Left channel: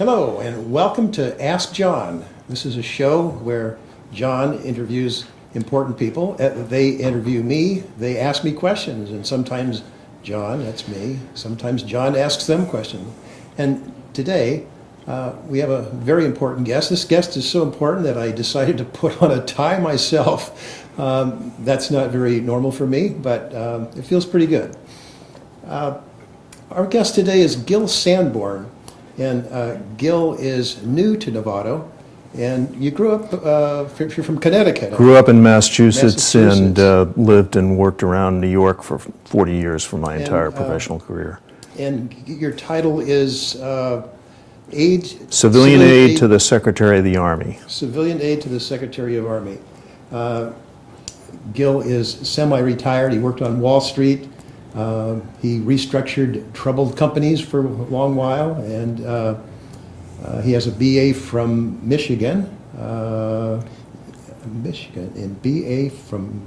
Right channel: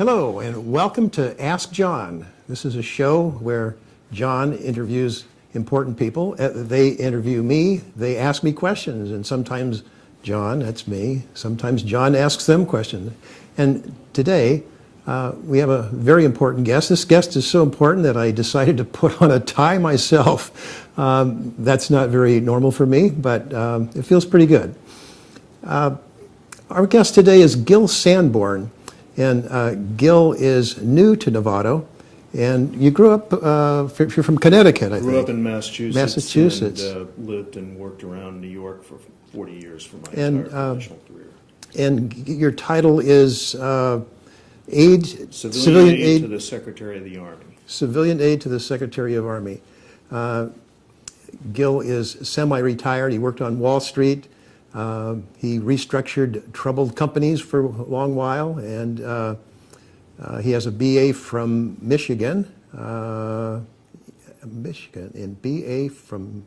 Hello, and welcome to Ask John. This is a show where John interviews important people. They interview me, they ask me questions, and sometimes John, that's me, sometimes John asks them questions. And today, we have a very important guest. This guest is so important that I decided to put on a tie myself. That's not very normal for me, but it feels pretty good. Our guest today is Gil Sanborn. And Gil is new to Novato, and you grew up, you're from Connecticut. Grew up in Massachusetts. And lived and worked around New York for 40 years for my entire professional career. And your title is Aide? Civilian Aide to the Secretary of the Army. Civilian Aide to the Secretary of Army. Gil is semi-retired. He worked on Wall Street. He restructured troubled companies for a long while, and he has a BA from Michigan, and BA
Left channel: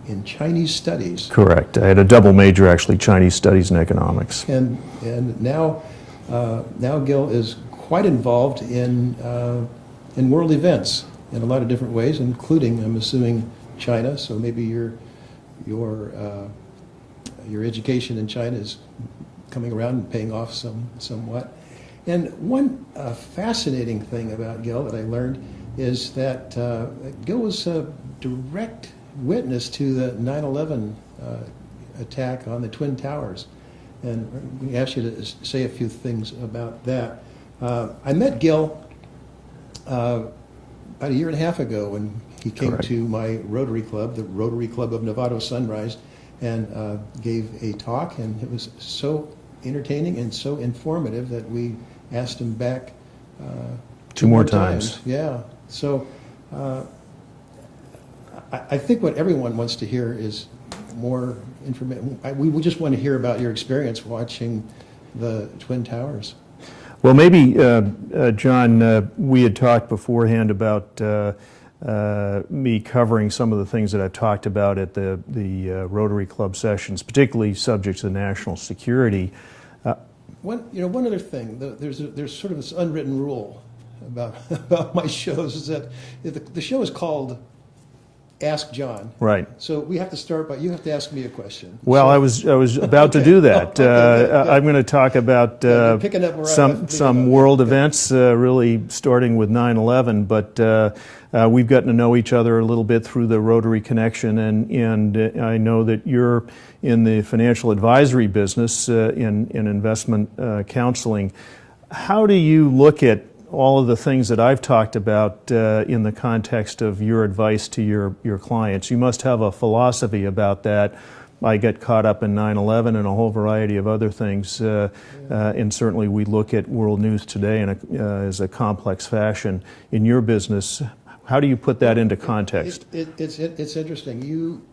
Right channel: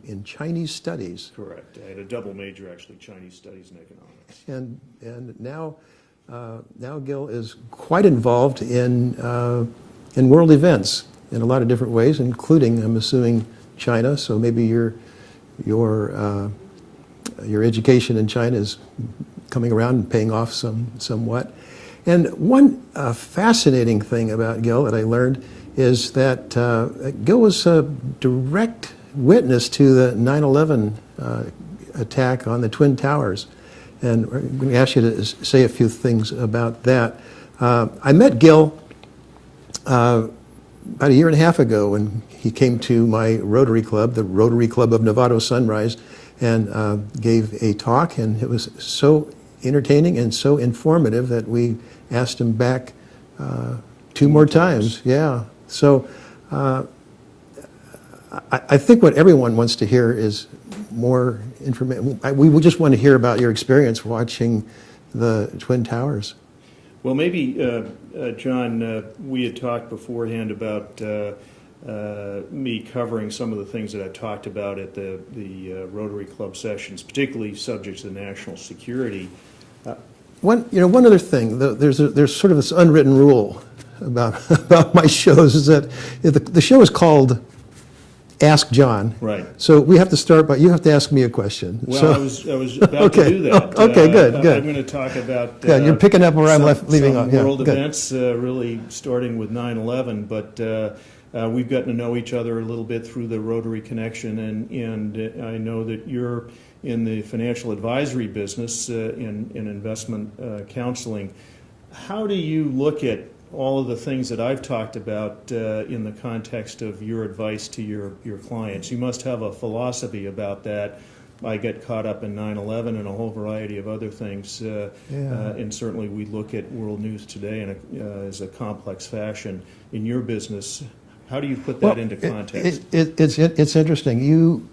in Chinese Studies. Correct. I had a double major, actually, Chinese Studies and Economics. And now Gil is quite involved in world events in a lot of different ways, including, I'm assuming, China. So maybe your education in China is coming around and paying off somewhat. And one fascinating thing about Gil that I learned is that Gil was a direct witness to the 9/11 attack on the Twin Towers. And we're going to ask you to say a few things about that. I met Gil about a year and a half ago when he came to my Rotary Club, the Rotary Club of Novato Sunrise, and gave a talk, and it was so entertaining and so informative that we asked him back two more times. Yeah. So I think what everyone wants to hear is more information. We just want to hear about your experience watching the Twin Towers. Well, maybe, John, we had talked beforehand about me covering some of the things that I've talked about at the Rotary Club sessions, particularly subjects to national security. One other thing, there's sort of this unwritten rule about my shows is that the show is called Ask John. Right. So we have to start by, you have to ask me a question. Well, so, I was about to do that. Okay, good. I'm going to talk about you're picking up where I'm leaving some off. world Yeah, events, really starting with 9/11, but we've gotten to know each other a little bit through the Rotary connection, and I know that you're in the financial advisory business, in investment counseling. How do you look at all of the things that I've talked about in the context of your advice to your clients? You must have a philosophy about that. I get caught up in 9/11 and a whole variety of other things, and certainly we look at world news today as a complex fashion. In your business, how do you put that into context? It's interesting.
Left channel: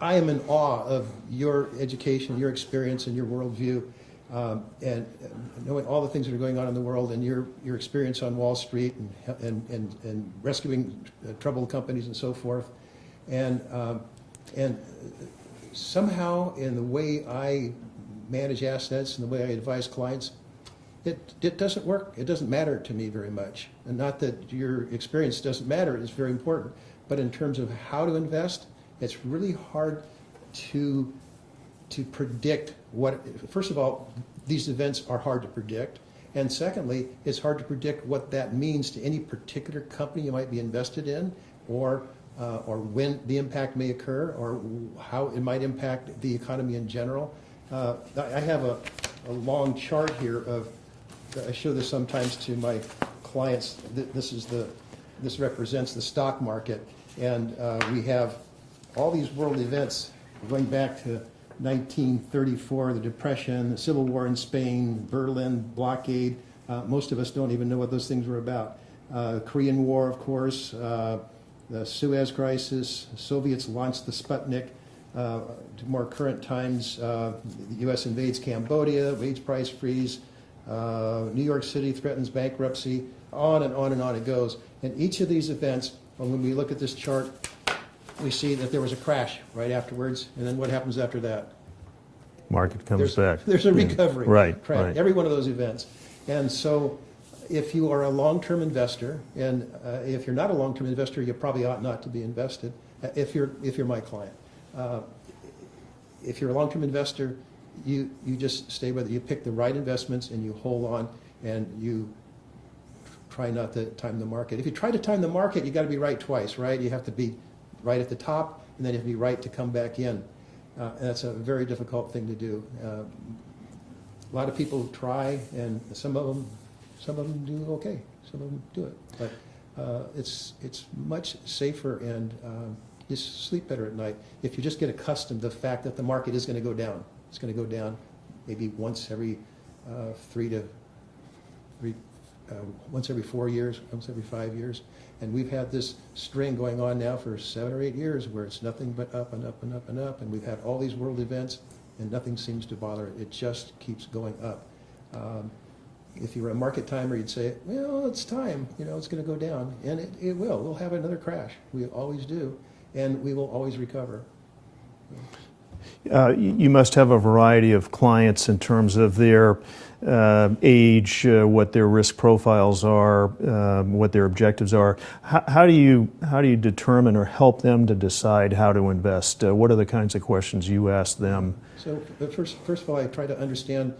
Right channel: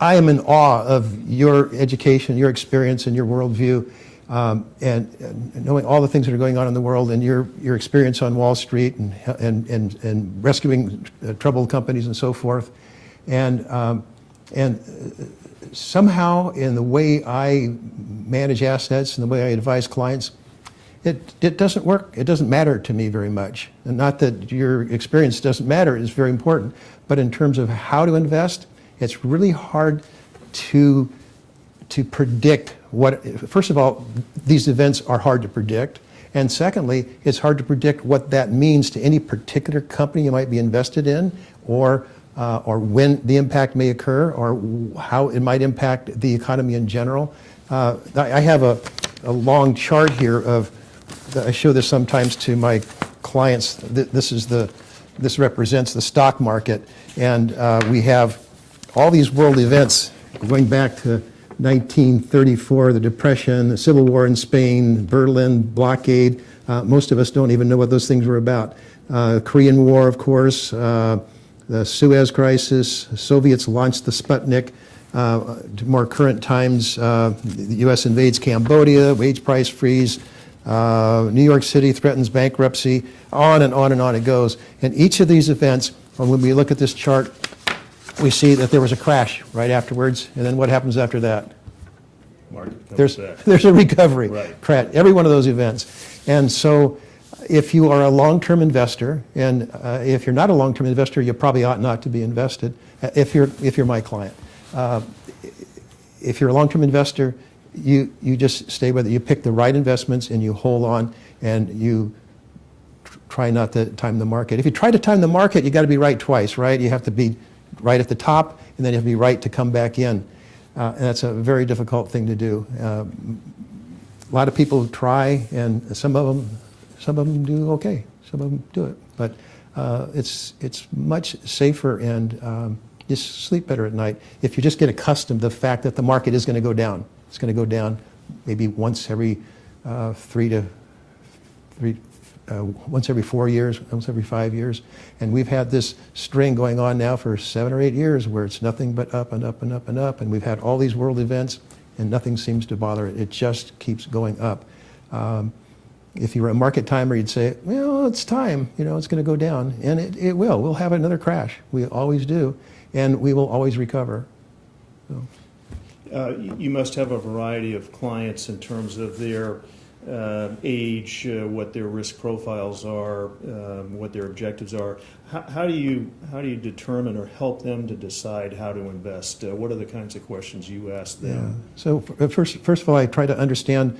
I am in awe of your education, your experience, and your worldview. And knowing all the things that are going on in the world, and your experience on Wall Street and rescuing troubled companies and so forth, and somehow in the way I manage assets and the way I advise clients, it doesn't work. It doesn't matter to me very much. And not that your experience doesn't matter; it's very important. But in terms of how to invest, it's really hard to predict what. First of all, these events are hard to predict, and secondly, it's hard to predict what that means to any particular company you might be invested in, or when the impact may occur, or how it might impact the economy in general. I have a long chart here of. I show this sometimes to my clients. This represents the stock market, and we have all these world events going back to 1934, the Depression, the Civil War in Spain, Berlin blockade. Most of us don't even know what those things were about. Korean War, of course, the Suez Crisis, Soviets launched the Sputnik. To more current times, the U.S. invades Cambodia, wage price freeze, New York City threatens bankruptcy, on and on and on it goes. And each of these events, when we look at this chart, we see that there was a crash right afterwards, and then what happens after that? Market comes back. There's a recovery. Right. Every one of those events. And so if you are a long-term investor, and if you're not a long-term investor, you probably ought not to be invested, if you're my client. If you're a long-term investor, you just stay with it. You pick the right investments and you hold on, and you try not to time the market. If you try to time the market, you got to be right twice, right? You have to be right at the top, and then you have to be right to come back in. And that's a very difficult thing to do. A lot of people try, and some of them do okay. Some of them do it, but it's much safer, and you sleep better at night if you just get accustomed to the fact that the market is going to go down. It's going to go down maybe once every once every 4 years, once every 5 years. And we've had this string going on now for 7 or 8 years where it's nothing but up and up and up and up. And we've had all these world events and nothing seems to bother it. It just keeps going up. If you were a market timer, you'd say, well, it's time, it's going to go down. And it will. We'll have another crash. We always do. And we will always recover. So. You must have a variety of clients in terms of their age, what their risk profiles are, what their objectives are. How do you determine or help them to decide how to invest? What are the kinds of questions you ask them? So first of all, I try to understand,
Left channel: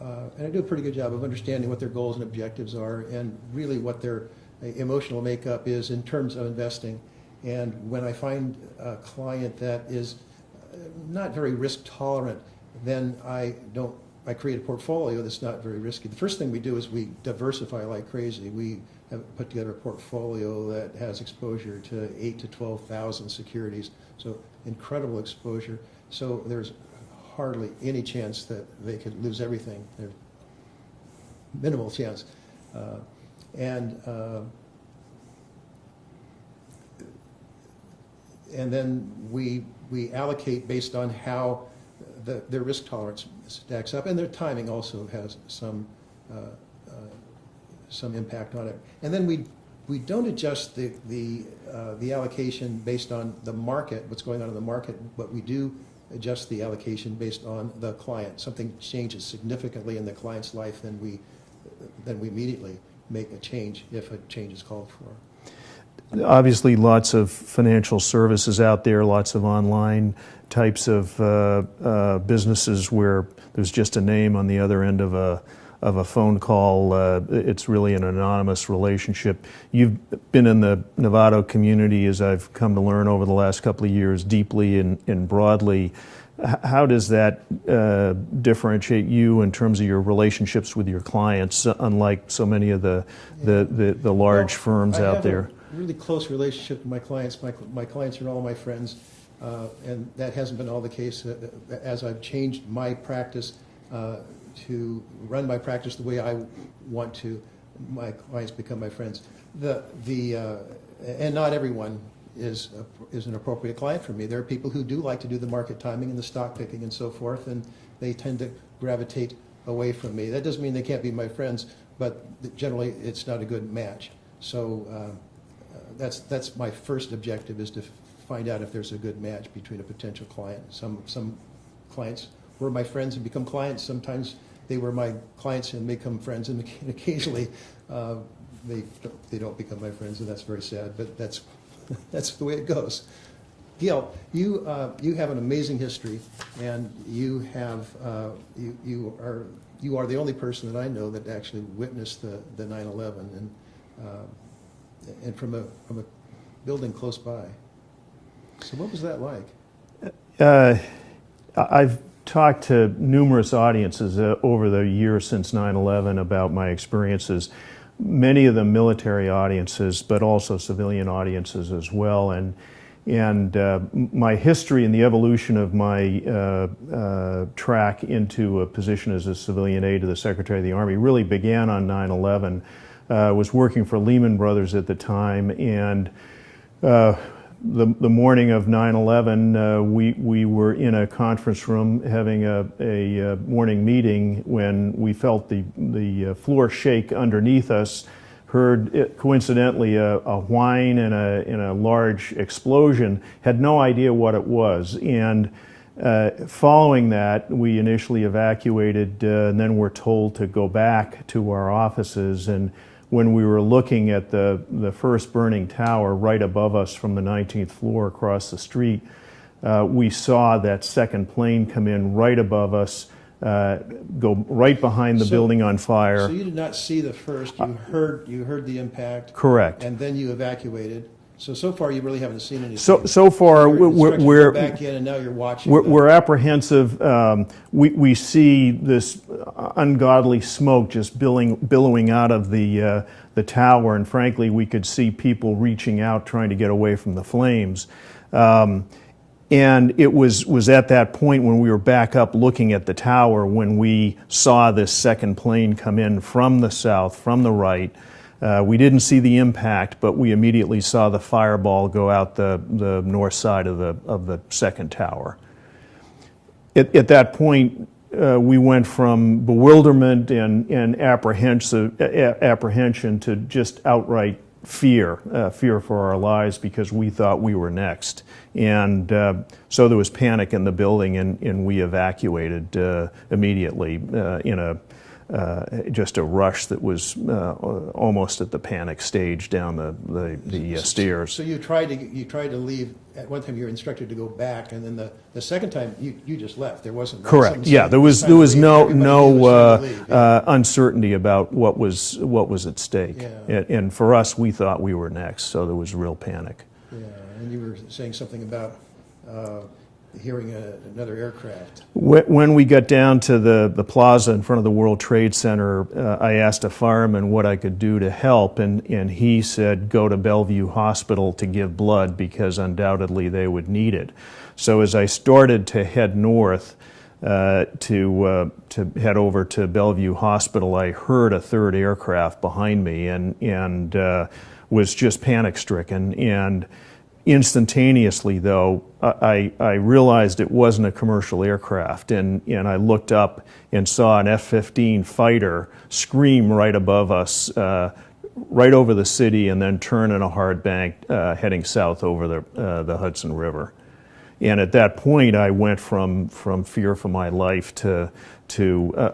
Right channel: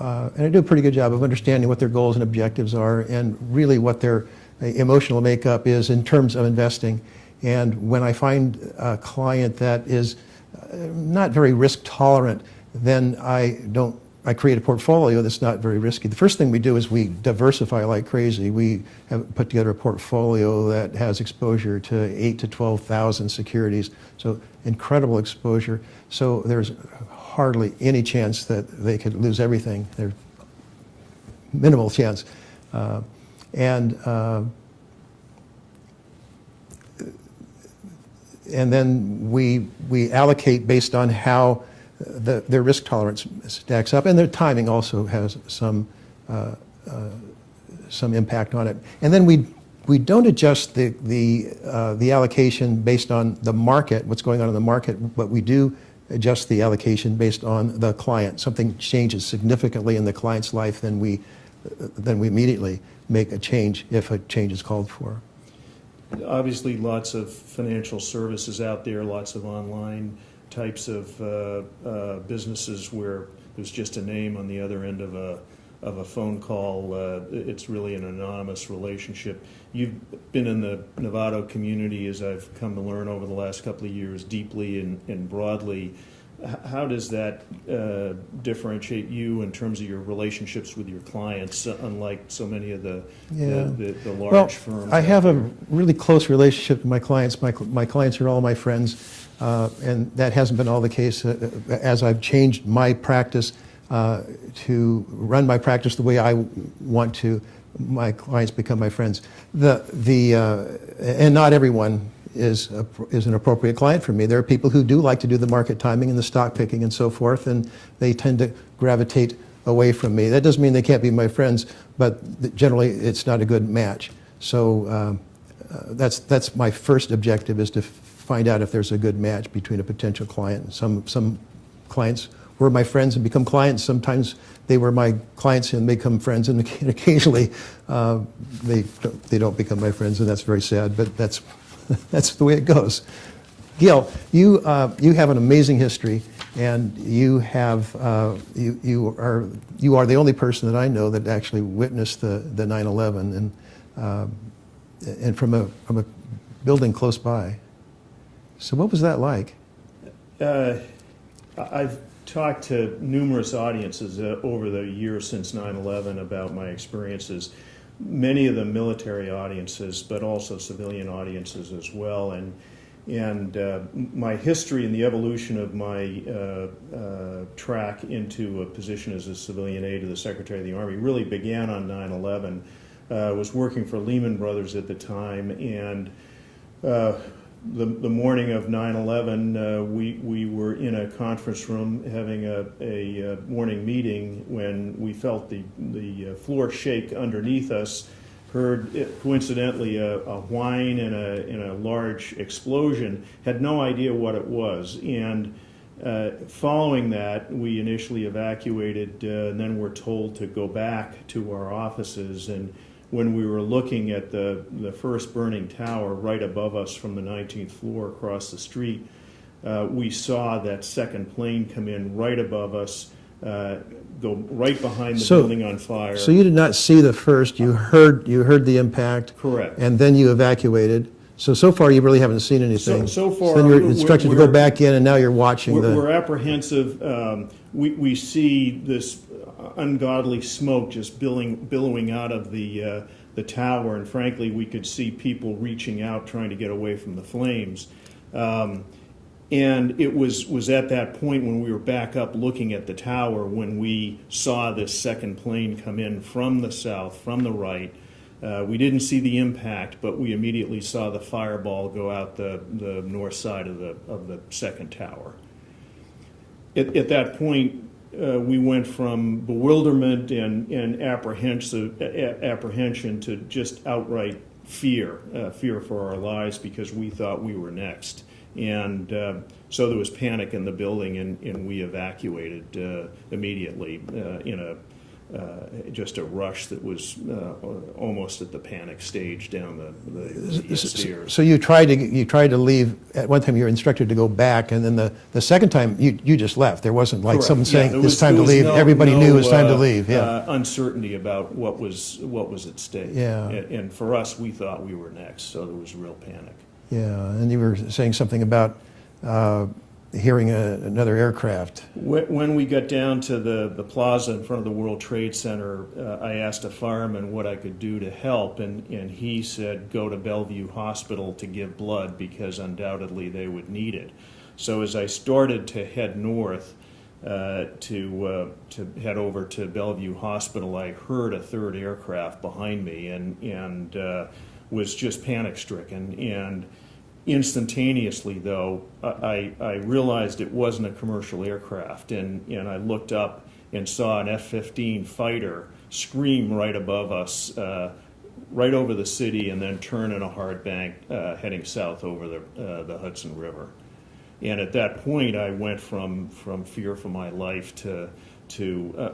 and I do a pretty good job of understanding what their goals and objectives are, and really what their emotional makeup is in terms of investing. And when I find a client that is not very risk tolerant, then I create a portfolio that's not very risky. The first thing we do is we diversify like crazy. We have put together a portfolio that has exposure to 8,000 to 12,000 securities, so incredible exposure. So there's hardly any chance that they could lose everything. There's minimal chance. And then we allocate based on how their risk tolerance stacks up, and their timing also has some impact on it. And then we don't adjust the allocation based on the market, what's going on in the market, but we do adjust the allocation based on the client. Something changes significantly in the client's life, then we immediately make a change if a change is called for. Obviously, lots of financial services out there, lots of online types of businesses where there's just a name on the other end of a phone call. It's really an anonymous relationship. You've been in the Novato community, as I've come to learn over the last couple of years, deeply and broadly. How does that differentiate you in terms of your relationships with your clients, unlike so many of the large firms out there? I have a really close relationship with my clients. My clients are all my friends, and that hasn't been all the case. As I've changed my practice to run my practice the way I want to, my clients become my friends. And not everyone is an appropriate client for me. There are people who do like to do the market timing and the stock picking and so forth, and they tend to gravitate away from me. That doesn't mean they can't be my friends, but generally it's not a good match. So that's my first objective, is to find out if there's a good match between a potential client. Some clients were my friends and become clients. Sometimes they were my clients and become friends, and occasionally they don't become my friends, and that's very sad, but that's the way it goes. Gil, you have an amazing history, and you are the only person that I know that actually witnessed the 9/11 and from a building close by. So what was that like? I've talked to numerous audiences over the years since 9/11 about my experiences. Many of them military audiences, but also civilian audiences as well. And my history and the evolution of my track into a position as a civilian aide to the Secretary of the Army really began on 9/11. I was working for Lehman Brothers at the time, and the morning of 9/11, we were in a conference room having a morning meeting when we felt the floor shake underneath us, heard coincidentally a whine and a large explosion, had no idea what it was. And Following that, we initially evacuated, and then were told to go back to our offices. And when we were looking at the first burning tower right above us from the 19th floor across the street, we saw that second plane come in right above us, go right behind the building on fire. So you did not see the first, you heard the impact. Correct. And then you evacuated. So far, you really haven't seen anything. So far, you're instructed to go back in, and now you're watching. We're apprehensive. We see this ungodly smoke just billowing out of the tower, and frankly, we could see people reaching out trying to get away from the flames. And it was at that point when we were back up looking at the tower when we saw this second plane come in from the south, from the right. We didn't see the impact, but we immediately saw the fireball go out the north side of the second tower. At that point, we went from bewilderment and apprehension to just outright fear for our lives, because we thought we were next. And so there was panic in the building, and we evacuated immediately in just a rush that was almost at the panic stage down the stairs. So you tried to leave. At one time, you were instructed to go back, and then the second time you just left. There wasn't like Correct. Yeah, there was no Everybody knew it was time to leave. Yeah. Uncertainty about what was at stake. Yeah. And for us, we thought we were next, so there was real panic. Yeah, and you were saying something about hearing another aircraft. When we got down to the plaza in front of the World Trade Center, I asked a fireman what I could do to help, and he said, go to Bellevue Hospital to give blood, because undoubtedly they would need it. So as I started to head north to head over to Bellevue Hospital, I heard a third aircraft behind me and was just panic-stricken. And instantaneously, though, I realized it wasn't a commercial aircraft, and I looked up and saw an F-15 fighter scream right above us, right over the city, and then turn in a hard bank heading south over the Hudson River. And at that point, I went from fear for my life to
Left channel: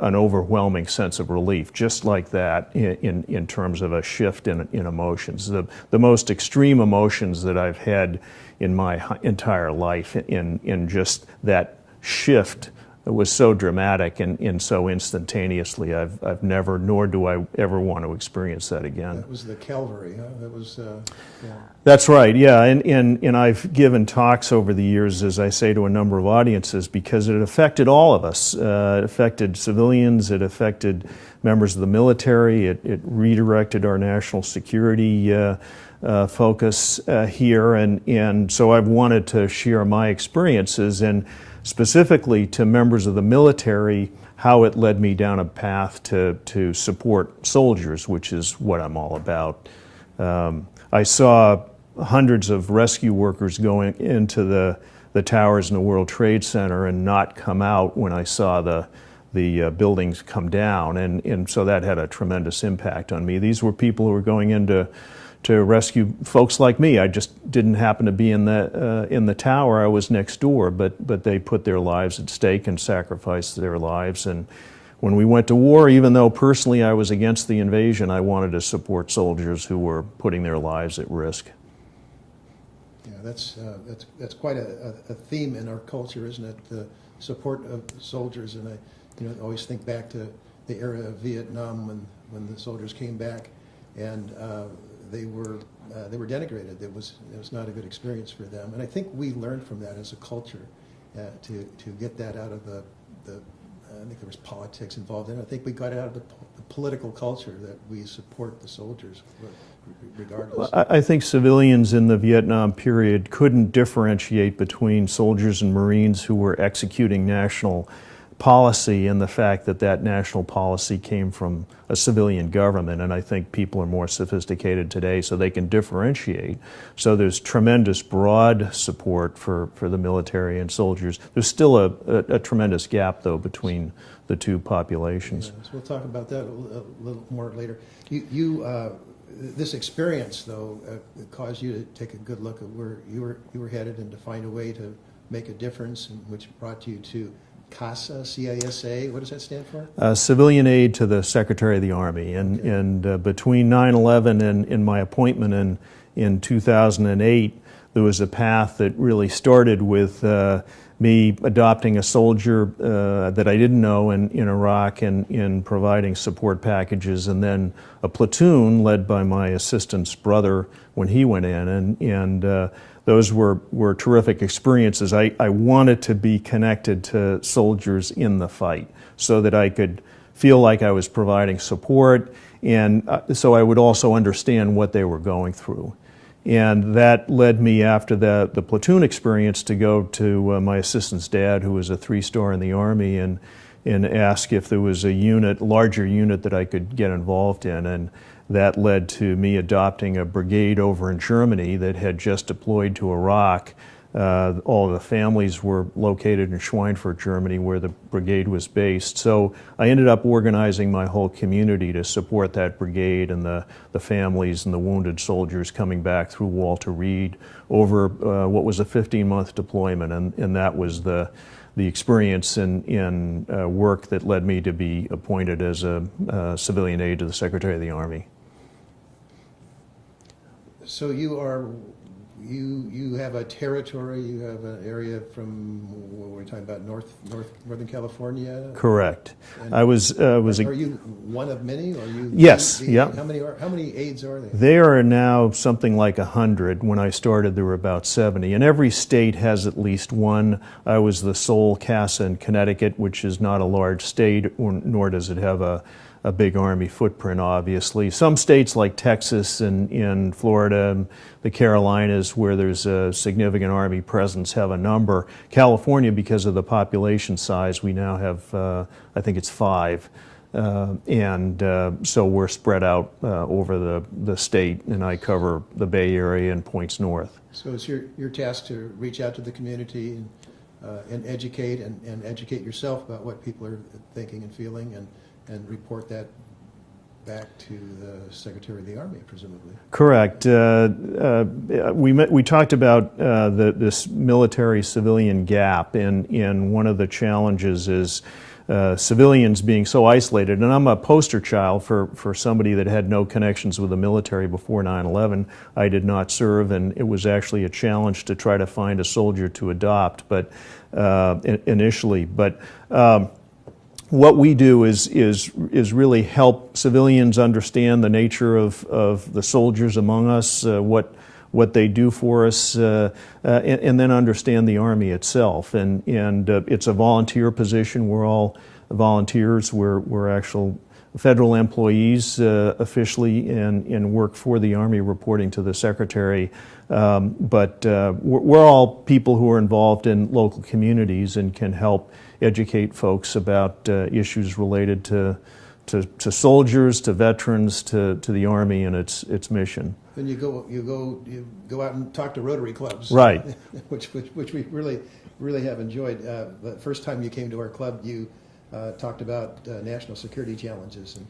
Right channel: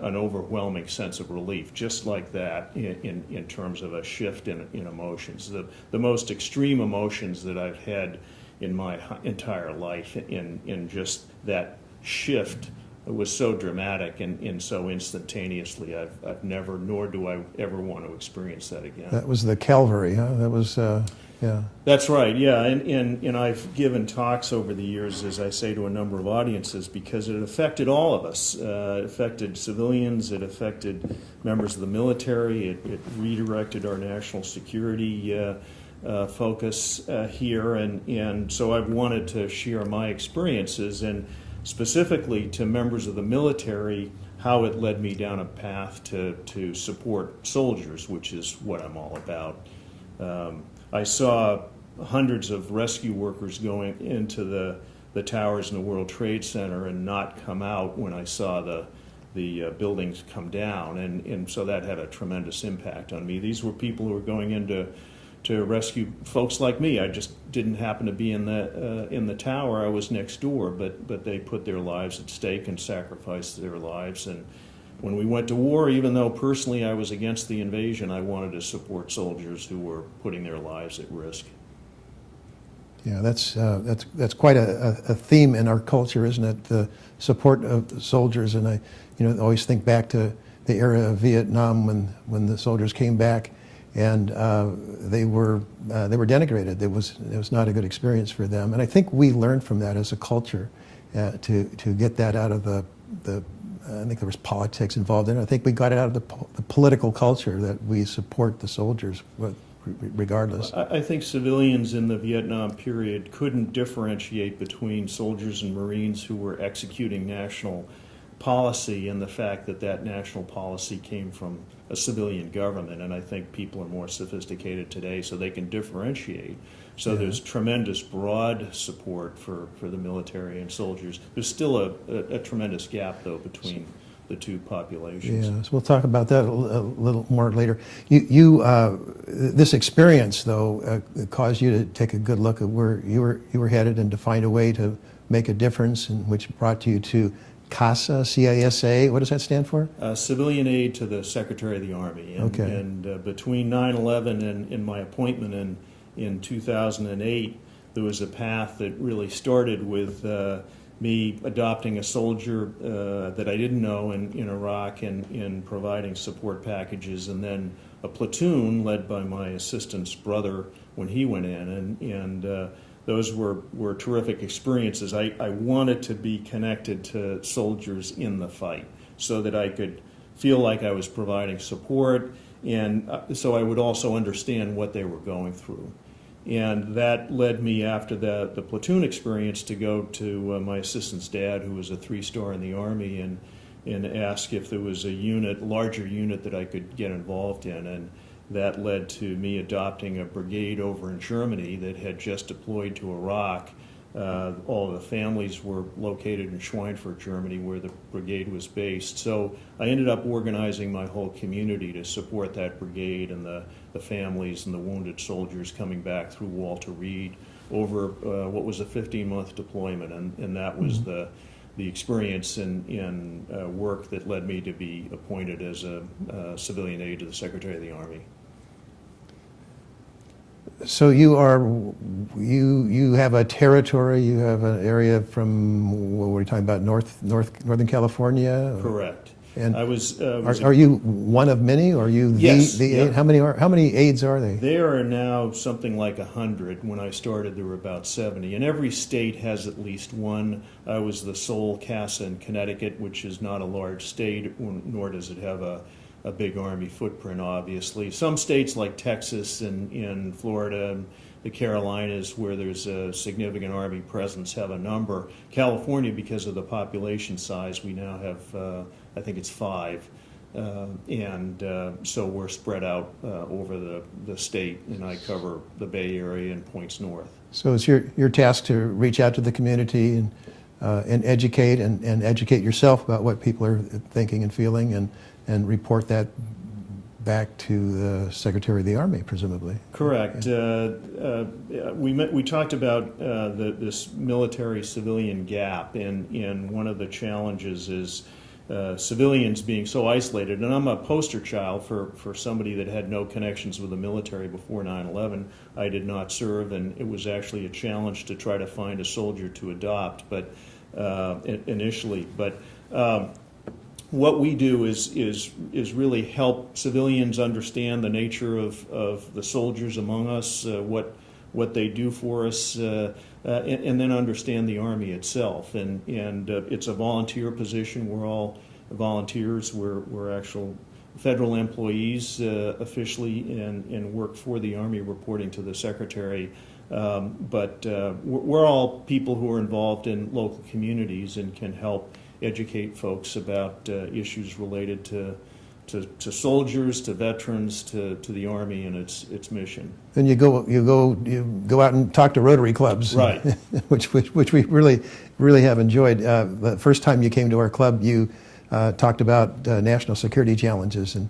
an overwhelming sense of relief, just like that, in terms of a shift in emotions. The most extreme emotions that I've had in my entire life, in just that shift was so dramatic and so instantaneously. I've never, nor do I ever want to experience that again. That was the Calvary, huh? That was, yeah. That's right, yeah. And I've given talks over the years, as I say, to a number of audiences, because it affected all of us. It affected civilians, it affected members of the military, it redirected our national security focus here. And so I've wanted to share my experiences, and specifically to members of the military, how it led me down a path to support soldiers, which is what I'm all about. I saw hundreds of rescue workers going into the towers in the World Trade Center and not come out when I saw the buildings come down, and so that had a tremendous impact on me. These were people who were going in to rescue folks like me. I just didn't happen to be in the tower. I was next door, but they put their lives at stake and sacrificed their lives. And when we went to war, even though personally I was against the invasion, I wanted to support soldiers who were putting their lives at risk. Yeah, that's quite a theme in our culture, isn't it? The support of the soldiers, and I always think back to the era of Vietnam when the soldiers came back, and they were denigrated. It was not a good experience for them, and I think we learned from that as a culture to get that out of the. I think there was politics involved in it. I think we got it out of the political culture that we support the soldiers, regardless. I think civilians in the Vietnam period couldn't differentiate between soldiers and Marines who were executing national policy and the fact that national policy came from a civilian government. And I think people are more sophisticated today, so they can differentiate. So there's tremendous broad support for the military and soldiers. There's still a tremendous gap, though, between the two populations. Yeah, so we'll talk about that a little more later. This experience, though, caused you to take a good look at where you were headed and to find a way to make a difference, and which brought you to Casa CISA. What does that stand for? Civilian aide to the Secretary of the Army. And, Okay. and between 9/11 and my appointment in 2008, there was a path that really started with me adopting a soldier that I didn't know in Iraq and in providing support packages, and then a platoon led by my assistant's brother when he went in. And those were terrific experiences. I wanted to be connected to soldiers in the fight so that I could feel like I was providing support, and so I would also understand what they were going through. And that led me, after the platoon experience, to go to my assistant's dad, who was a 3-star in the Army, and ask if there was a larger unit that I could get involved in. And that led to me adopting a brigade over in Germany that had just deployed to Iraq. All of the families were located in Schweinfurt, Germany, where the brigade was based. So I ended up organizing my whole community to support that brigade and the families and the wounded soldiers coming back through Walter Reed over what was a 15-month deployment. And that was the experience in work that led me to be appointed as a civilian aide to the Secretary of the Army. So you have a territory, you have an area from, what were we talking about, Northern California? Correct. And are you one of many, or are you Yes, the yep. aide? How many aides are they? They are now something like 100. When I started, there were about 70. And every state has at least one. I was the sole CASA in Connecticut, which is not a large state, nor does it have a big Army footprint, obviously. Some states like Texas and in Florida and the Carolinas, where there's a significant Army presence, have a number. California, because of the population size, we now have, I think it's 5. So we're spread out over the state, and I cover the Bay Area and points north. So it's your task to reach out to the community and educate and educate yourself about what people are thinking and feeling, and report that back to the Secretary of the Army, presumably. Correct. We talked about this military-civilian gap, and one of the challenges is civilians being so isolated. And I'm a poster child for somebody that had no connections with the military before 9/11. I did not serve, and it was actually a challenge to try to find a soldier to adopt, but initially. But what we do is really help civilians understand the nature of the soldiers among us, what they do for us, and then understand the Army itself. And it's a volunteer position. We're all volunteers. We're actual federal employees officially, and work for the Army, reporting to the Secretary. But we're all people who are involved in local communities and can help educate folks about issues related to soldiers, to veterans, to the Army and its mission. And you go out and talk to Rotary clubs, Right? which we really have enjoyed. The first time you came to our club, you talked about national security challenges, and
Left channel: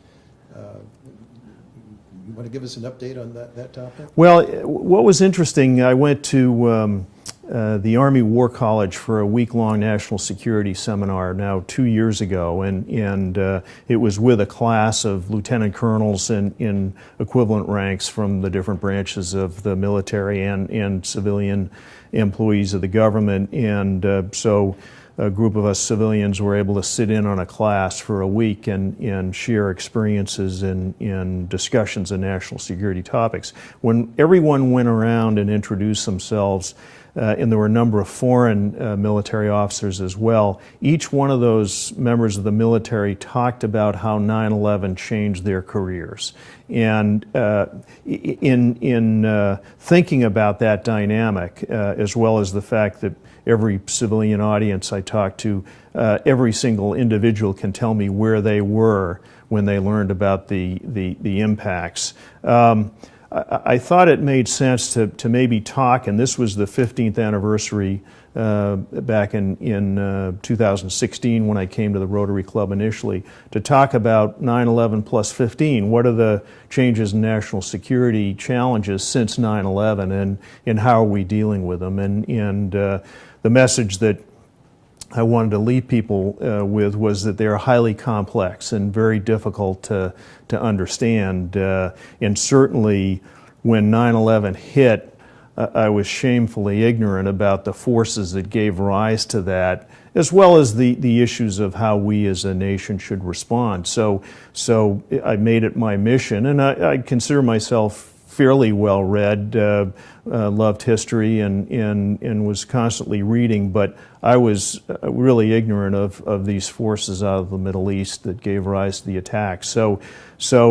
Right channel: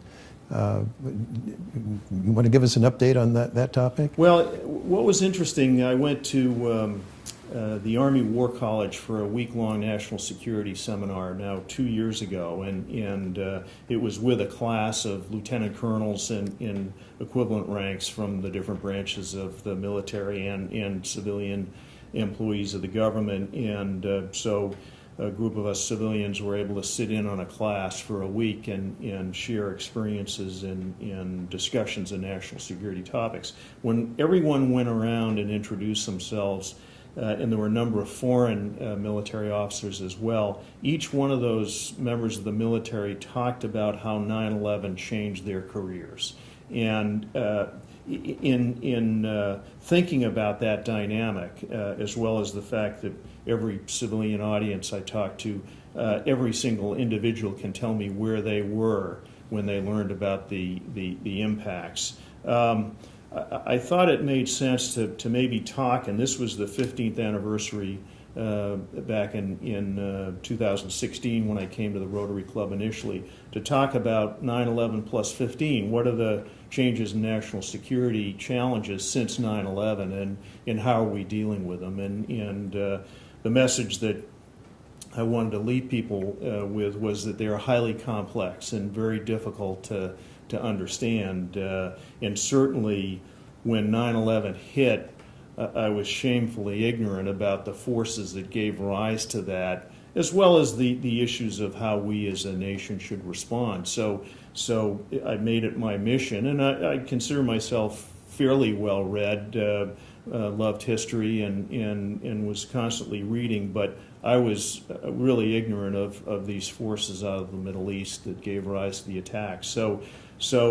you want to give us an update on that topic? Well, what was interesting, I went to the Army War College for a week-long national security seminar now 2 years ago, and it was with a class of lieutenant colonels in equivalent ranks from the different branches of the military and civilian employees of the government, and so a group of us civilians were able to sit in on a class for a week and share experiences and discussions of national security topics. When everyone went around and introduced themselves, and there were a number of foreign military officers as well, each one of those members of the military talked about how 9/11 changed their careers. And in thinking about that dynamic, as well as the fact that every civilian audience I talked to, every single individual can tell me where they were when they learned about the impacts. I thought it made sense to maybe talk, and this was the 15th anniversary back in 2016 when I came to the Rotary Club initially, to talk about 9/11 plus 15. What are the changes in national security challenges since 9/11, and how are we dealing with them? And the the message that I wanted to leave people with was that they are highly complex and very difficult to understand. And certainly when 9/11 hit, I was shamefully ignorant about the forces that gave rise to that, as well as the issues of how we as a nation should respond. So I made it my mission, and I consider myself fairly well read, loved history, and was constantly reading, but I was really ignorant of these forces out of the Middle East that gave rise to the attack. So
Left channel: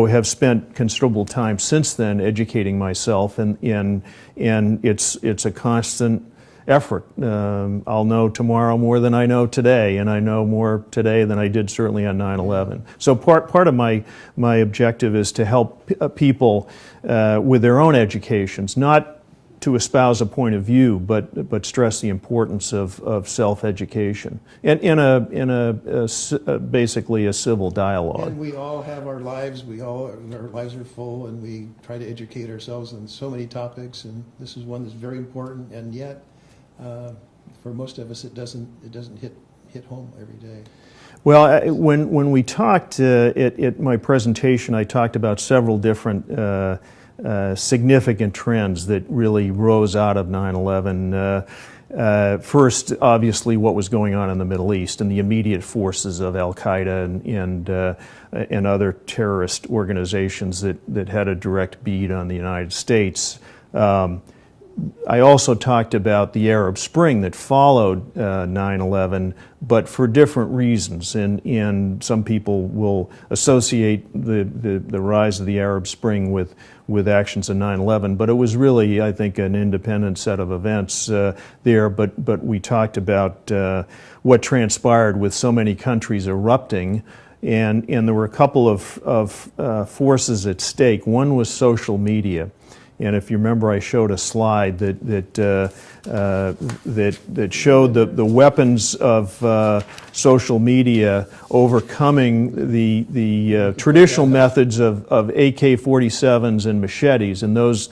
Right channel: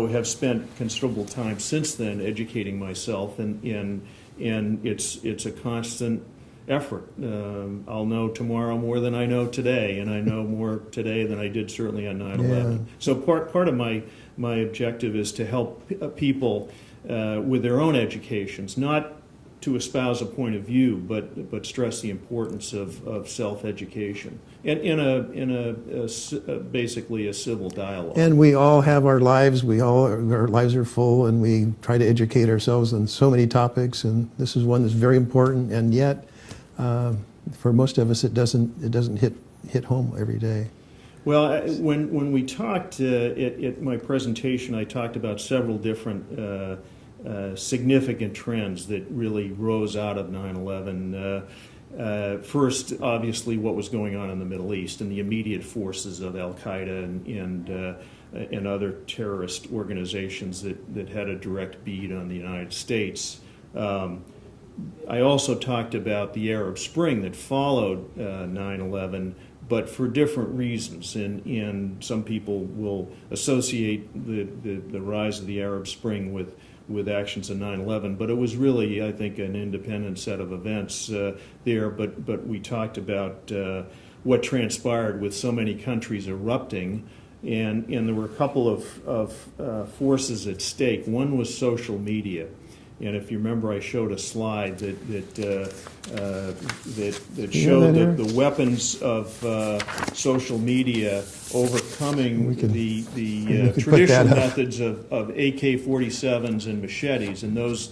have spent considerable time since then educating myself, and it's a constant effort. I'll know tomorrow more than I know today, and I know more today than I did certainly on 9/11. Yeah. So part of my objective is to help people with their own educations, not to espouse a point of view, but stress the importance of self-education in basically a civil dialogue. And we all have our lives. Our lives are full, and we try to educate ourselves on so many topics. And this is one that's very important. And yet, for most of us, it doesn't hit home every day. Well, when we talked at my presentation, I talked about several different significant trends that really rose out of 9/11. First, obviously, what was going on in the Middle East and the immediate forces of Al-Qaeda and other terrorist organizations that had a direct bead on the United States. I also talked about the Arab Spring that followed 9/11, but for different reasons. And some people will associate the rise of the Arab Spring with actions in 9/11, but it was really, I think, an independent set of events there. But we talked about what transpired with so many countries erupting, and there were a couple of forces at stake. One was social media. And if you remember, I showed a slide that showed the weapons of social media overcoming the traditional methods of AK-47s and machetes, and those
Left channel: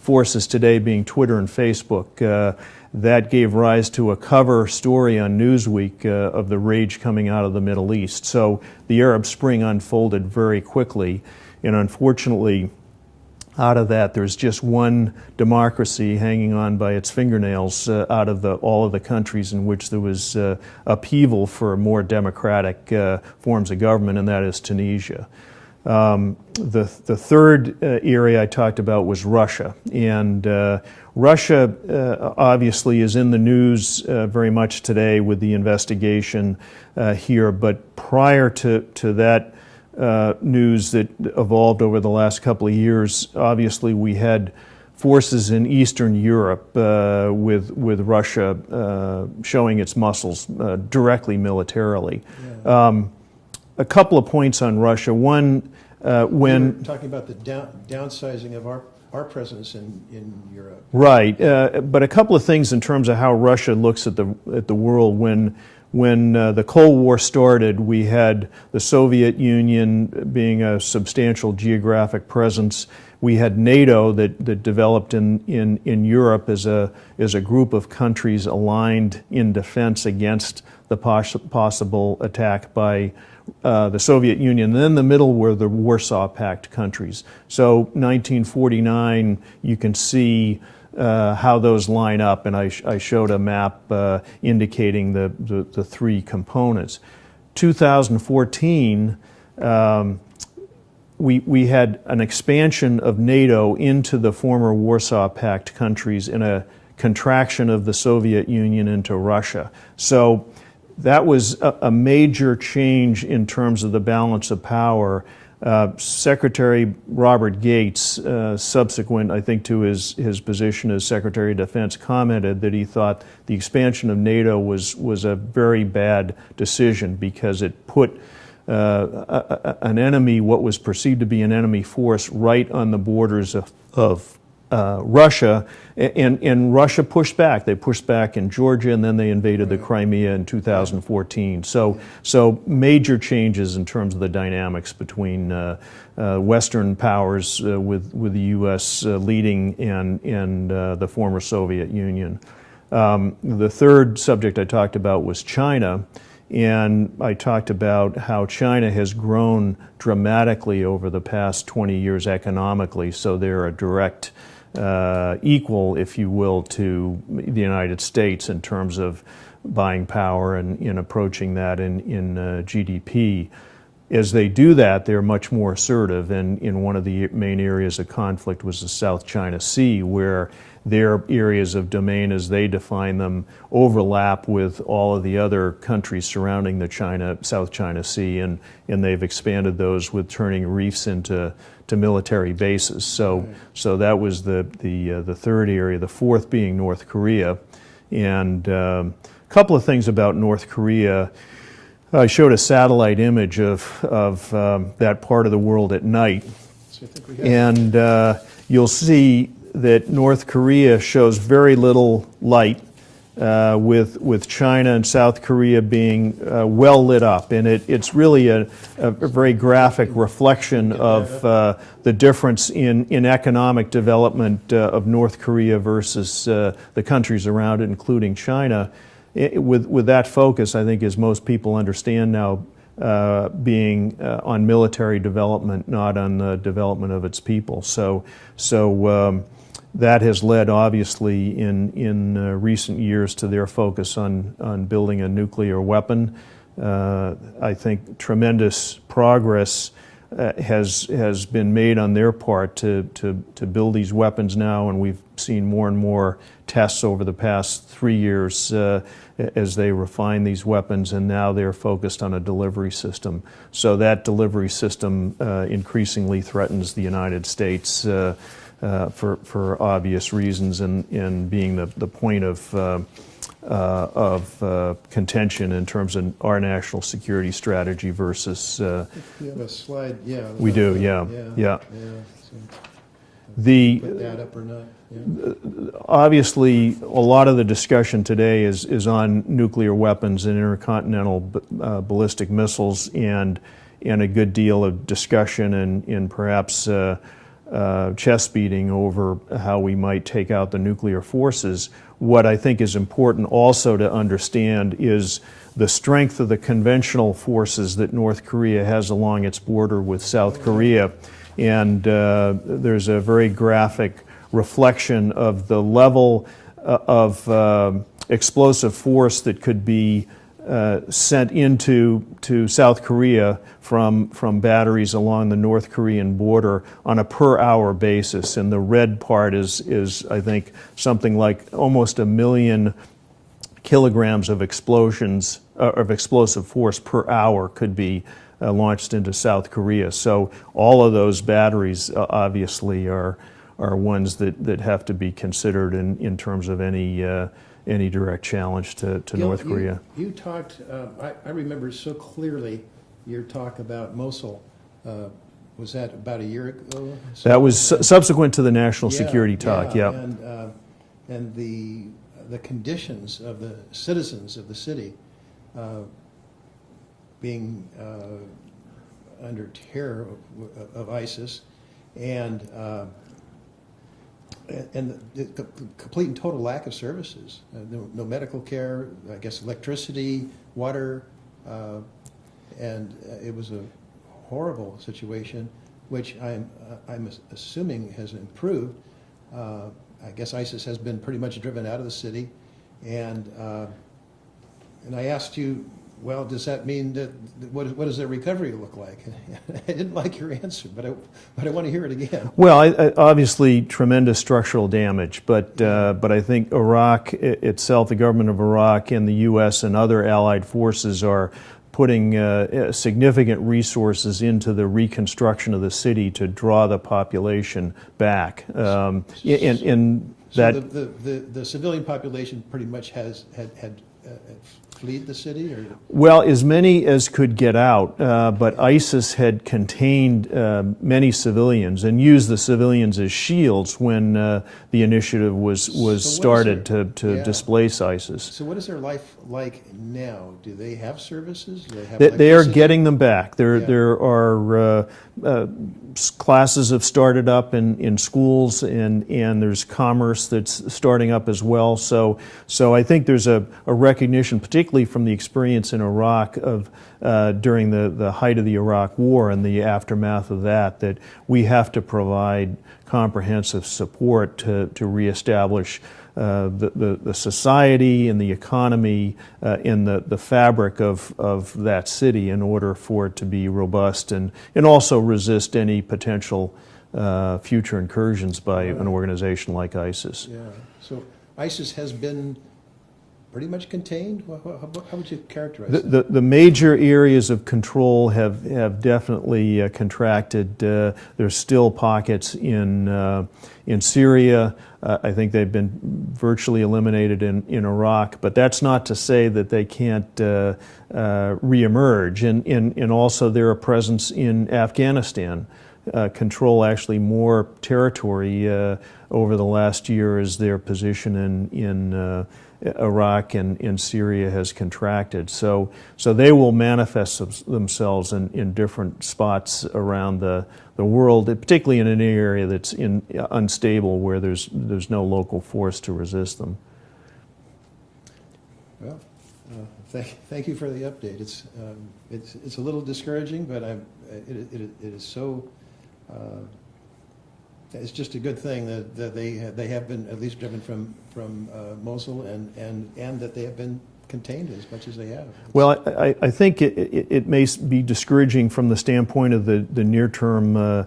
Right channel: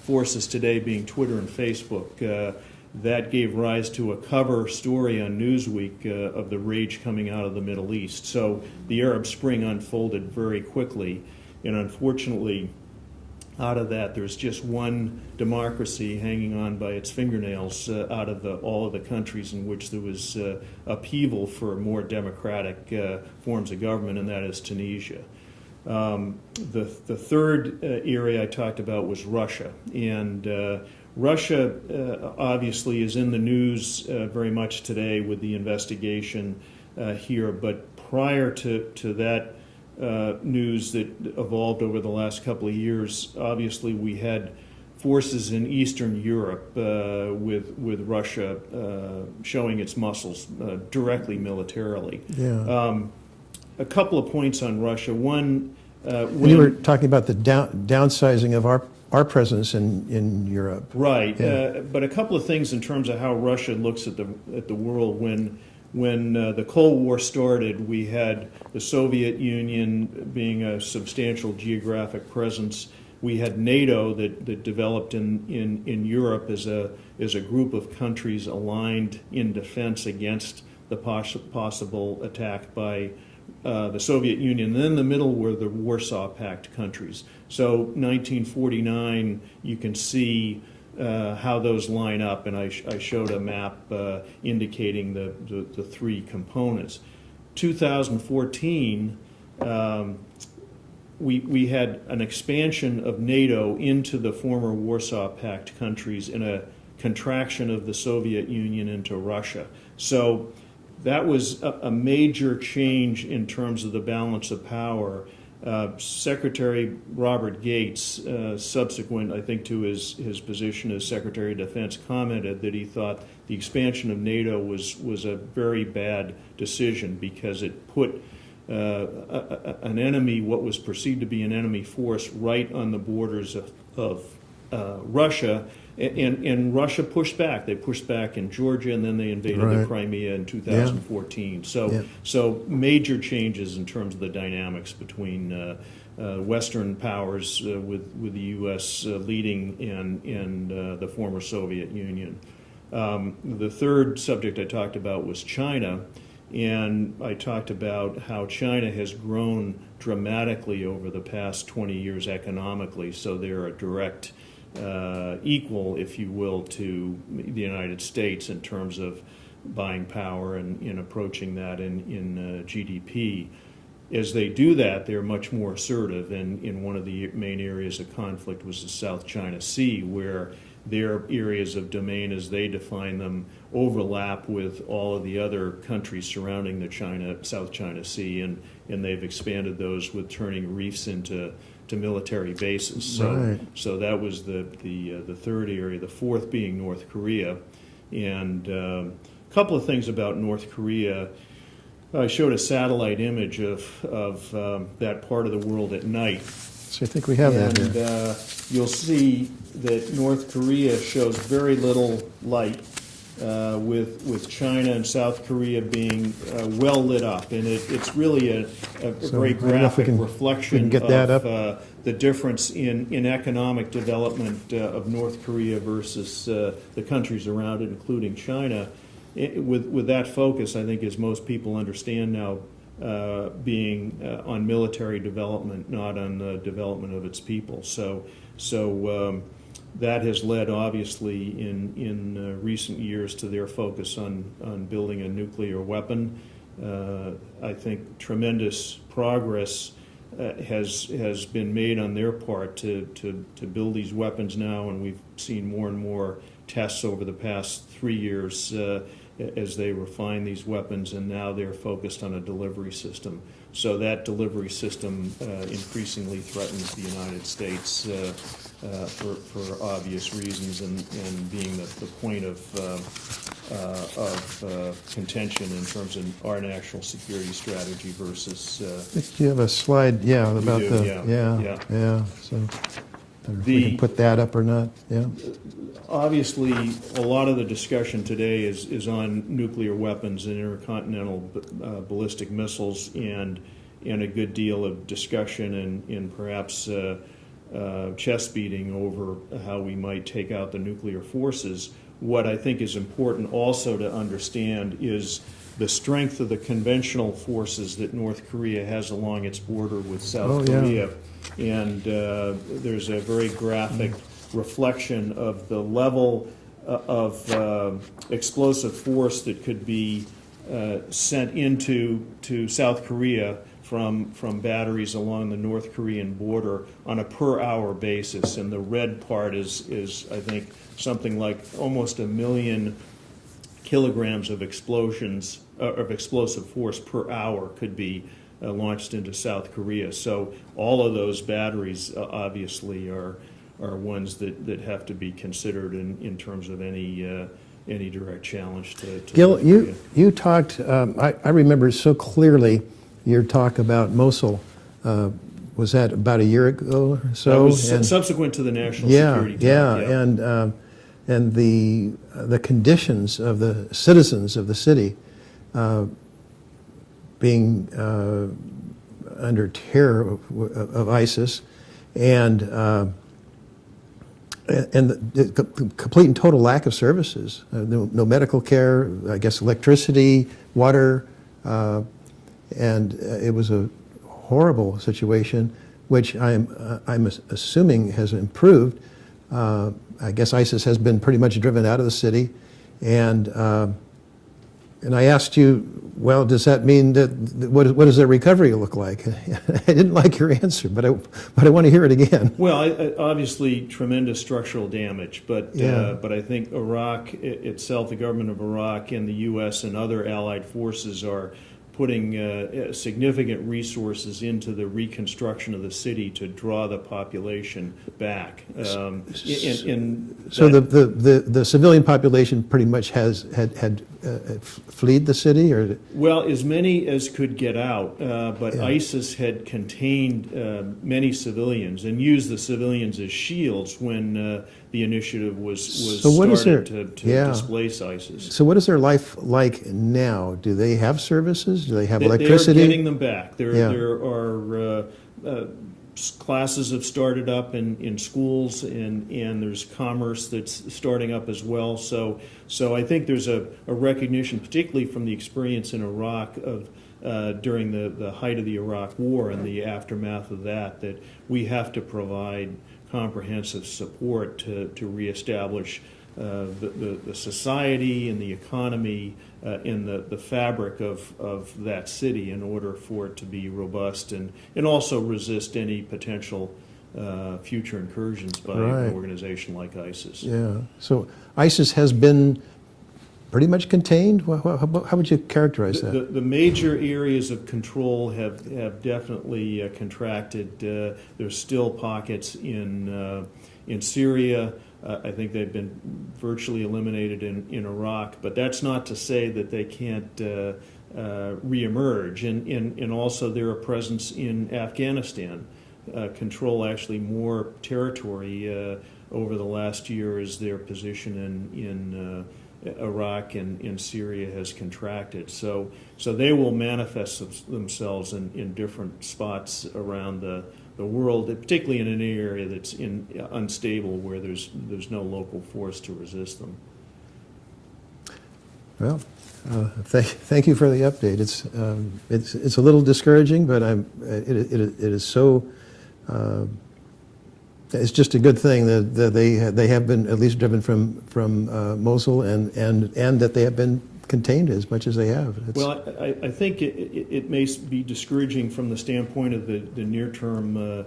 forces today being Twitter and Facebook. That gave rise to a cover story on Newsweek of the rage coming out of the Middle East. So the Arab Spring unfolded very quickly, and unfortunately, out of that, there's just one democracy hanging on by its fingernails out of all of the countries in which there was upheaval for more democratic forms of government, and that is Tunisia. The third area I talked about was Russia, and Russia obviously is in the news very much today with the investigation here, but prior to that news that evolved over the last couple of years, obviously we had forces in Eastern Europe with Russia showing its muscles directly militarily. Yeah. A couple of points on Russia. One, We were talking about the downsizing of our presence in Europe. Right, but a couple of things in terms of how Russia looks at the world. When the Cold War started, we had the Soviet Union being a substantial geographic presence. We had NATO that developed in Europe as a group of countries aligned in defense against the possible attack by the Soviet Union. And then in the middle were the Warsaw Pact countries. So 1949, you can see how those line up, and I showed a map indicating the three components. 2014, we had an expansion of NATO into the former Warsaw Pact countries and a contraction of the Soviet Union into Russia. So that was a major change in terms of the balance of power. Secretary Robert Gates, subsequent, I think, to his position as Secretary of Defense, commented that he thought the expansion of NATO was a very bad decision because it put an enemy, what was perceived to be an enemy force, right on the borders of Russia, and Russia pushed back. They pushed back in Georgia, and then they invaded the Crimea in 2014. Yeah. So major changes in terms of the dynamics between Western powers with the U.S. Leading and the former Soviet Union. The third subject I talked about was China, and I talked about how China has grown dramatically over the past 20 years economically, so they're a direct equal, if you will, to the United States in terms of buying power and in approaching that in GDP. As they do that, they're much more assertive, and in one of the main areas of conflict was the South China Sea, where their areas of domain, as they define them, overlap with all of the other countries surrounding the South China Sea, and they've expanded those with turning reefs into military bases. So, Right. so that was the third area. The fourth being North Korea, and a couple of things about North Korea. I showed a satellite image of that part of the world at night, So I think we have that. and you'll see that North Korea shows very little light, with China and South Korea being well lit up, and it's really a very graphic reflection get that of the difference in economic development of North Korea versus the countries around it, including China. With that focus, I think, as most people understand now, being on military development, not on the development of its people. So that has led, obviously, in recent years to their focus on building a nuclear weapon. I think tremendous progress has been made on their part to build these weapons now, and we've seen more and more tests over the past 3 years as they refine these weapons, and now they're focused on a delivery system. So that delivery system increasingly threatens the United States for obvious reasons, and being the point of contention in terms of our national security strategy versus. Do you have a slide? Yeah. About We do, yeah. yeah. So you can put that up or not? Yeah. Obviously, a lot of the discussion today is on nuclear weapons and intercontinental ballistic missiles, and a good deal of discussion and perhaps chest beating over how we might take out the nuclear forces. What I think is important also to understand is the strength of the conventional forces that North Korea has along its border with South Korea. And there's a very graphic reflection of the level of explosive force that could be sent into South Korea from batteries along the North Korean border on a per hour basis. And the red part is I think, something like almost 1 million kilograms of explosions, of explosive force per hour could be launched into South Korea. So all of those batteries obviously are ones that have to be considered in terms of any direct challenge to Gil, North Korea. you talked, I remember so clearly your talk about Mosul. Was that about a year ago? So, that was subsequent to the national security talk. Yeah, and the conditions of the citizens of the city being under terror of ISIS, and the complete and total lack of services, no medical care, I guess electricity, water, and it was a horrible situation, which I'm assuming has improved. I guess ISIS has been pretty much driven out of the city, and I asked you, well, does that mean that what does their recovery look like? I didn't like your answer, but I want to hear it again. Well, obviously tremendous structural damage, but I think Iraq itself, the government of Iraq, and the U.S. and other allied forces are putting significant resources into the reconstruction of the city to draw the population back. So the civilian population pretty much had fled the city, or? Well, as many as could get out, but ISIS had contained many civilians and used the civilians as shields when the initiative was started to displace ISIS. So what is their life like now? Do they have services? Do they have electricity? They are getting them back. There are classes have started up in schools, and there's commerce that's starting up as well. So I think there's a recognition, particularly from the experience in Iraq of during the height of the Iraq War and the aftermath of that we have to provide comprehensive support to reestablish the society and the economy in the fabric of that city in order for it to be robust and also resist any potential future incursions by an organization like ISIS. Yeah. So ISIS has been pretty much contained? How would you characterize that? The major areas of control have definitely contracted. There's still pockets in Syria. I think they've been virtually eliminated in Iraq, but that's not to say that they can't reemerge. And also their presence in Afghanistan, control actually more territory over the last year as their position in Iraq and in Syria has contracted. So they will manifest themselves in different spots around the world, particularly in an area that's unstable where there's no local force to resist them. Well, thank you for the update. It's a little discouraging, but it is so. It's just a good thing that they have been at least driven from Mosul and that they have been contained as much as they have. Well, I think it may be discouraging from the standpoint of the near-term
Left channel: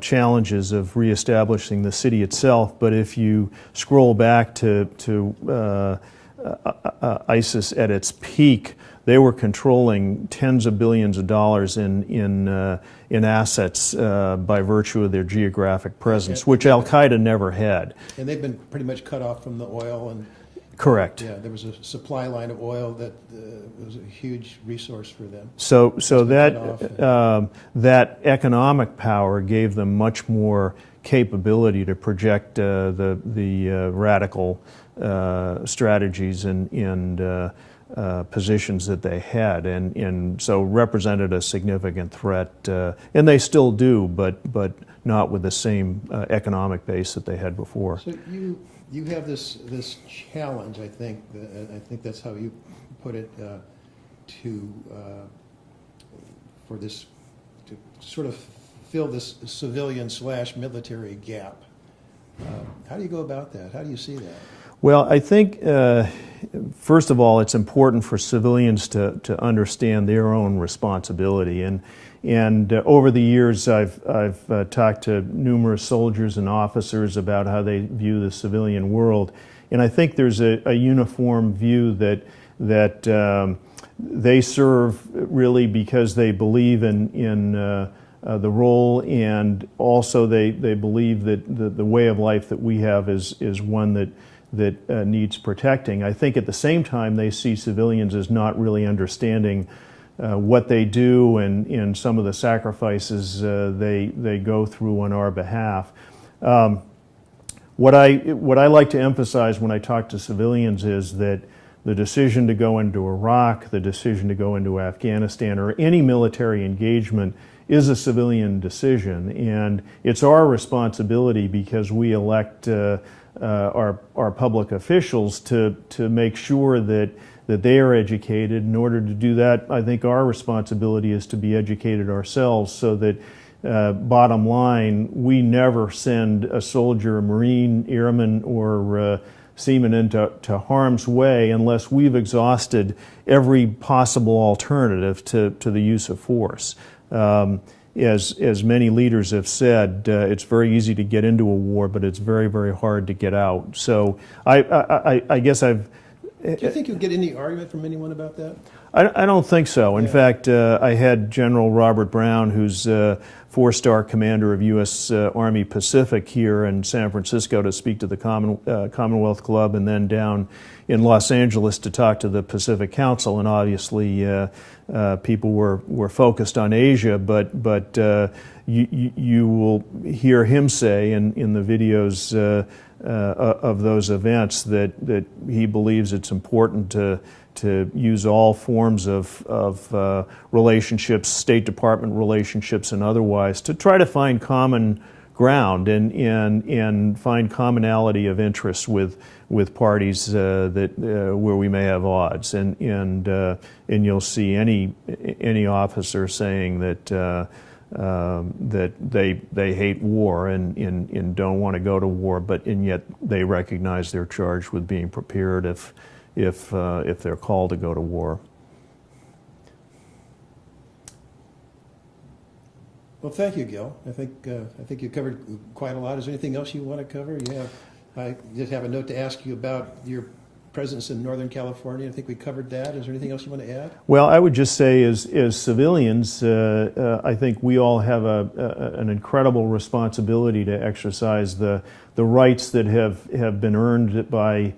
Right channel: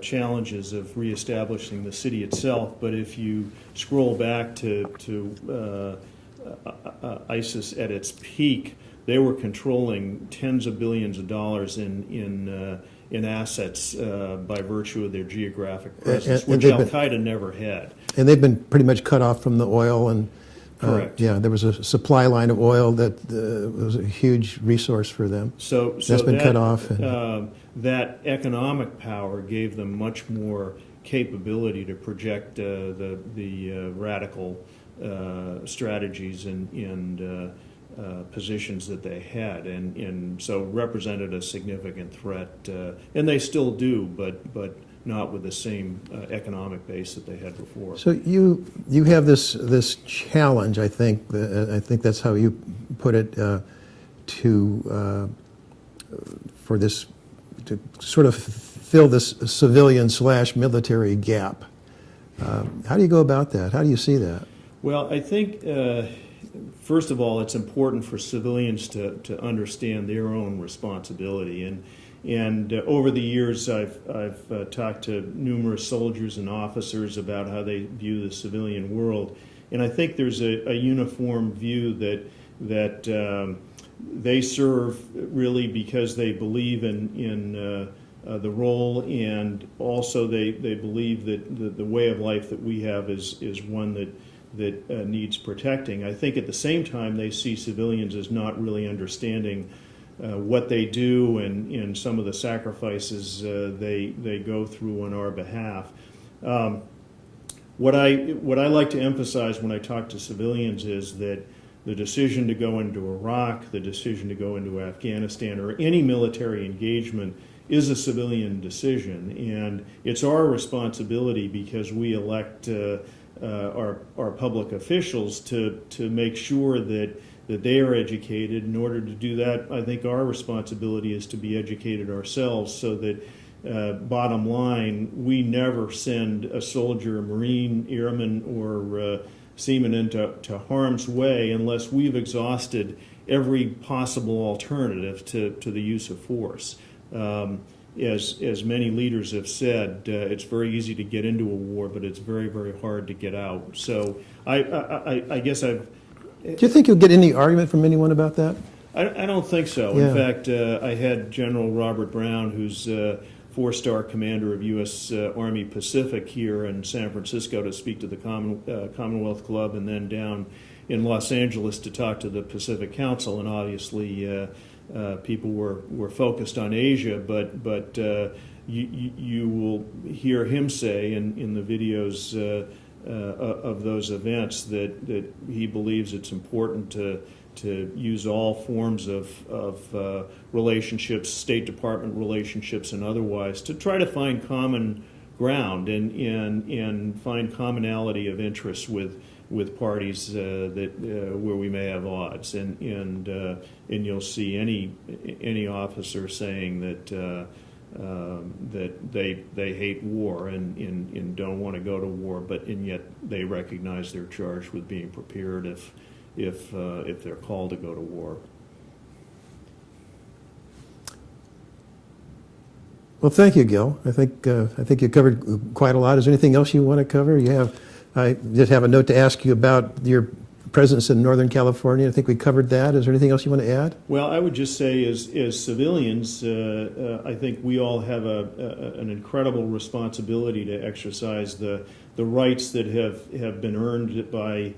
challenges of reestablishing the city itself, but if you scroll back to ISIS at its peak, they were controlling tens of billions of dollars in assets by virtue of their geographic presence, which Al-Qaeda never had. And they've been pretty much cut off from the oil and. Correct. Yeah, there was a supply line of oil that was a huge resource for them. So that cut off that economic power gave them much more capability to project the radical strategies and positions that they had, and so represented a significant threat, and they still do, but not with the same economic base that they had before. So you have this challenge, I think that's how you put it, for this to sort of fill this civilian/military gap. How do you go about that? How do you see that? Well, I think first of all, it's important for civilians to understand their own responsibility. And over the years, I've talked to numerous soldiers and officers about how they view the civilian world, and I think there's a uniform view that they serve really because they believe in the role, and also they believe that the way of life that we have is one that needs protecting. I think at the same time they see civilians as not really understanding what they do and some of the sacrifices they go through on our behalf. What I like to emphasize when I talk to civilians is that the decision to go into Iraq, the decision to go into Afghanistan, or any military engagement is a civilian decision, and it's our responsibility because we elect our public officials to make sure that they are educated. In order to do that, I think our responsibility is to be educated ourselves so that, bottom line, we never send a soldier, a Marine, airman, or seaman into harm's way unless we've exhausted every possible alternative to the use of force. As many leaders have said, it's very easy to get into a war, but it's very, very hard to get out. So I guess I've... Do you think you'll get any argument from anyone about that? I don't think so. Yeah. In fact, I had General Robert Brown, who's four-star commander of U.S. Army Pacific, here in San Francisco to speak to the Commonwealth Club, and then down in Los Angeles to talk to the Pacific Council. And obviously, people were focused on Asia, but you will hear him say in the videos of those events that he believes it's important to to use all forms of relationships, State Department relationships and otherwise, to try to find common ground and find commonality of interest with parties that where we may have odds, and you'll see any officer saying that that they hate war and don't want to go to war, and yet they recognize they're charged with being prepared if they're called to go to war. Well, thank you, Gil. I think you covered quite a lot. Is there anything else you want to cover? I just have a note to ask you about your presence in Northern California. I think we covered that. Is there anything else you want to add? Well, I would just say, as civilians, I think we all have an incredible responsibility to exercise the rights that have been earned by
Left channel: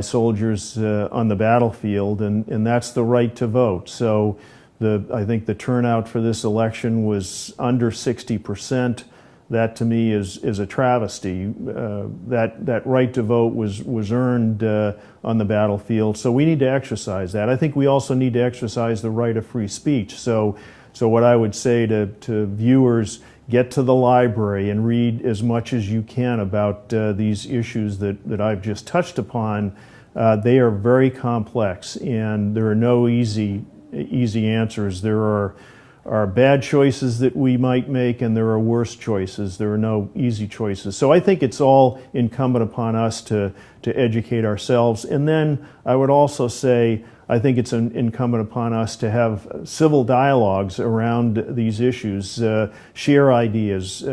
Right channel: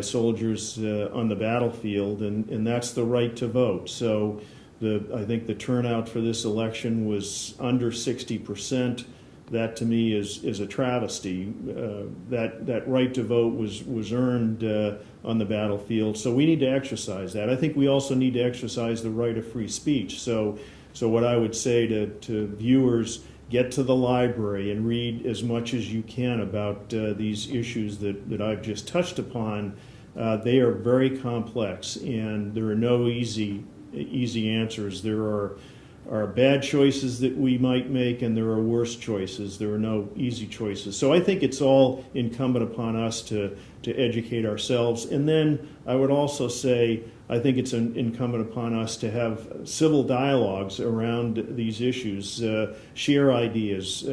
soldiers on the battlefield, and that's the right to vote. So I think the turnout for this election was under 60%. That to me is a travesty. That right to vote was earned on the battlefield. So we need to exercise that. I think we also need to exercise the right of free speech. So what I would say to viewers, get to the library and read as much as you can about these issues that I've just touched upon. They are very complex, and there are no easy answers. There are bad choices that we might make, and there are worse choices. There are no easy choices. So I think it's all incumbent upon us to educate ourselves. And then I would also say, I think it's incumbent upon us to have civil dialogues around these issues, share ideas.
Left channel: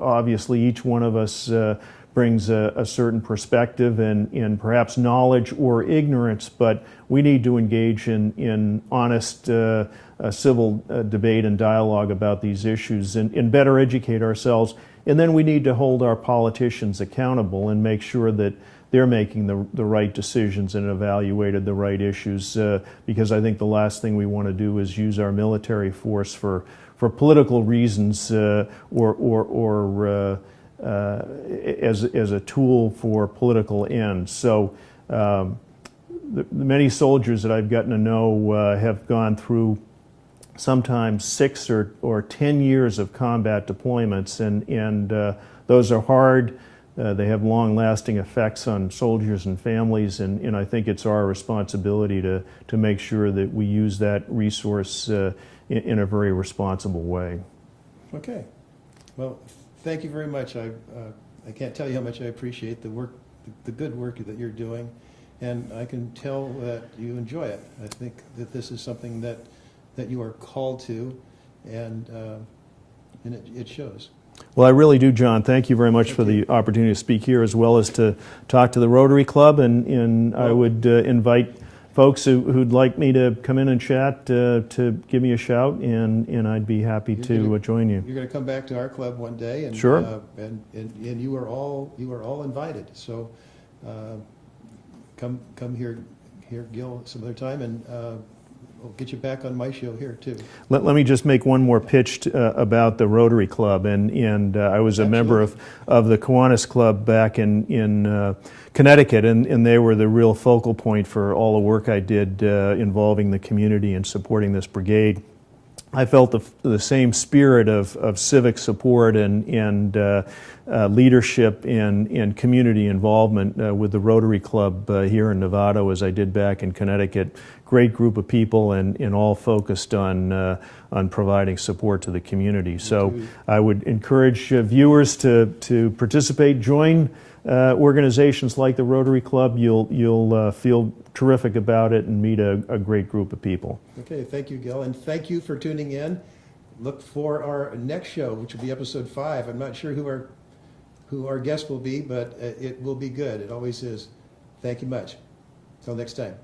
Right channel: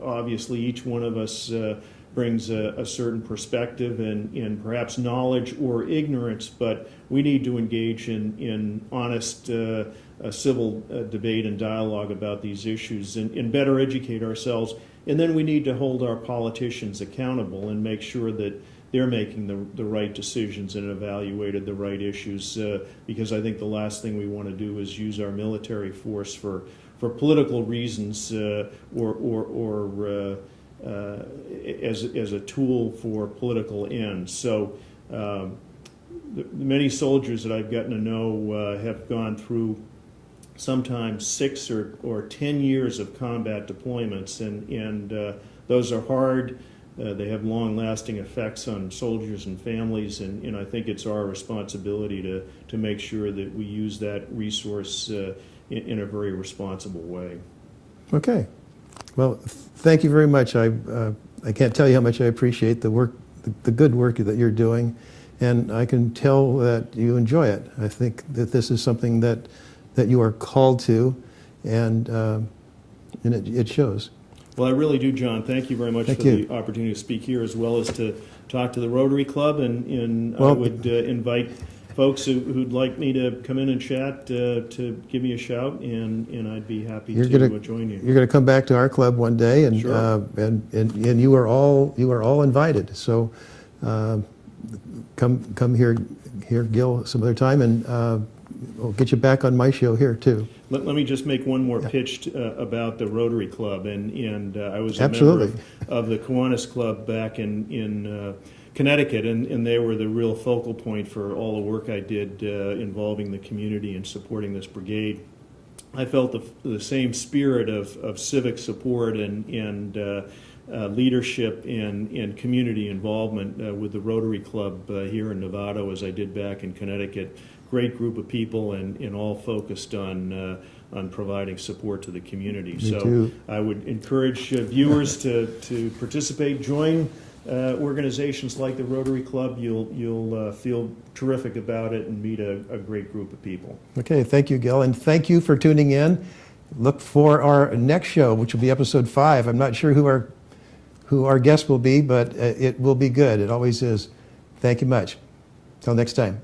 Obviously, each one of us brings a certain perspective and perhaps knowledge or ignorance, but we need to engage in honest civil debate and dialogue about these issues and better educate ourselves. And then we need to hold our politicians accountable and make sure that they're making the right decisions and evaluated the right issues, because I think the last thing we want to do is use our military force for political reasons or as a tool for political ends. So the many soldiers that I've gotten to know have gone through sometimes 6 or 10 years of combat deployments, and those are hard. They have long-lasting effects on soldiers and families, and I think it's our responsibility to make sure that we use that resource in a very responsible way. Okay. Well, thank you very much. I can't tell you how much I appreciate the work, the good work that you're doing, and I can tell that you enjoy it. I think that this is something that you are called to, and it shows. Well, I really do, John. Thank you very much Thank for you. the opportunity to speak here, as well as to talk to the Rotary Club, and I would invite folks who'd like me to come in and chat to give me a shout, and I'd be happy to join you. You're going to come back to our club one day, and sure. And you are all invited. So come here, Gil, some other time, and we'll get you back on my show here too. Let me just make one more pitch about the Rotary Club, and I was a member of the Kiwanis Club back in Connecticut, and they were the real focal point for all the work I did involving the community and supporting this brigade. I felt the same spirit of civic support and leadership and community involvement with the Rotary Club here in Nevada as I did back in Connecticut. Great group of people and all focused on providing support to the community. So I would encourage viewers to participate, join organizations like the Rotary Club. You'll feel terrific about it and meet a great group of people. Okay, thank you, Gil, and thank you for tuning in. Look for our next show, which will be episode 5. I'm not sure who our guest will be, but it will be good. It always is. Thank you much. Till next time.